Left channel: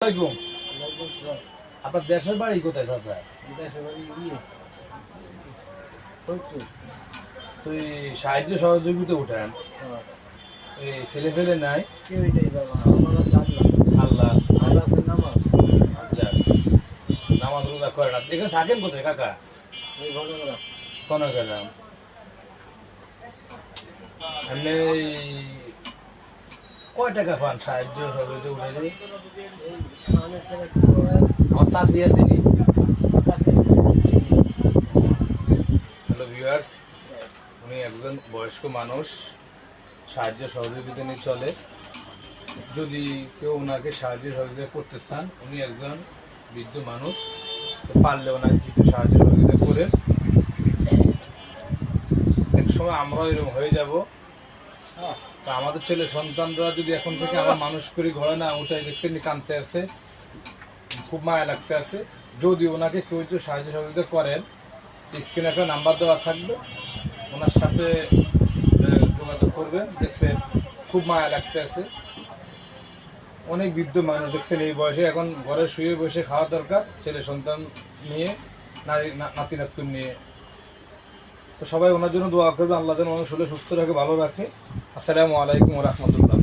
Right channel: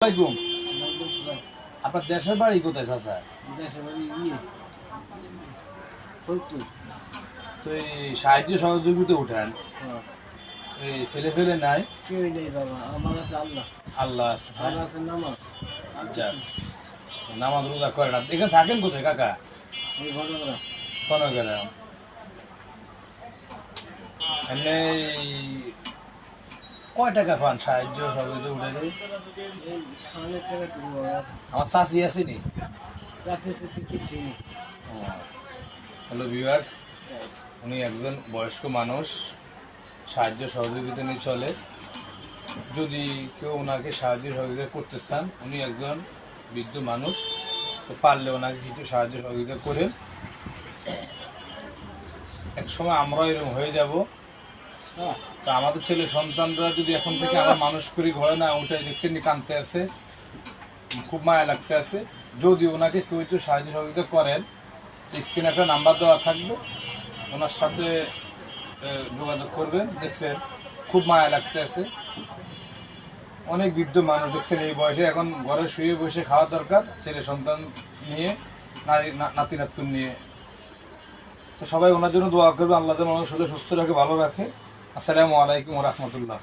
আলাইকুম। আপনার দেশের বাড়ি কোথায় চাচা? দেশের বাড়ি তো এই সাহায্য সহযোগিতা উঠেন, এই ছেলে ফেলে নাই? কেউ নেই বাবা, আমার কাছে আল্লাহ আছে। আল্লাহ আছে নামাজ। যাক, নামাজ রোজা করেন। আপনি এখানে থাকেন কোথায় কাকা? এই ঘটনা কনকেরাম। এমনি কয় টাকা পান সাহায্য সহযোগিতা উঠে? এই অনেক টাকা আমার চাষি আসেনি। কাছে হ্যালো ভিউয়ার্স, উনি একজন বয়স্ক মানুষ, সাহায্য সহযোগিতা নিয়ে চলে। যদি কেউ ওনাকে সাহায্য সহযোগিতা করতে চান, উনি একজন বৃদ্ধ মানুষ, তো পারলে ওনাকে কিছু সাহায্য সহযোগিতা করে। এক সময় আমরাও এরকম হয়ে যাব। তো আমাদের ছেলে সন্তানরা যদি এখন থেকে আমরা মানুষ করি, ঘরে না উঠে দেখছেন কাঁদতে আছে, খুব মায়া লাগতে আছে। যদি ওনাকে কেউ একটু সাহায্য সহযোগিতা করেন, স্ক্রিনে একটা নাম্বার দেওয়া থাকবে, ওনার সাথে যোগাযোগ করবেন। দেখছেন খুব মায়া লাগতে আছে। অনেক বৃদ্ধ মানুষ দেখছেন এই বয়সে এখন ঘরে শুয়ে বসে খাওয়া দরকার, ছেলে সন্তান নিয়ে, নাতি নাতকুন নিয়ে। তো সবাই ওনার জন্য দোয়া করবে, আল্লাহ যেন ওনার শরীর সুস্থ রাখে, ভালো রাখে। আসসালামু আলাইকুম ওয়া রাহমাতুল্লাহ।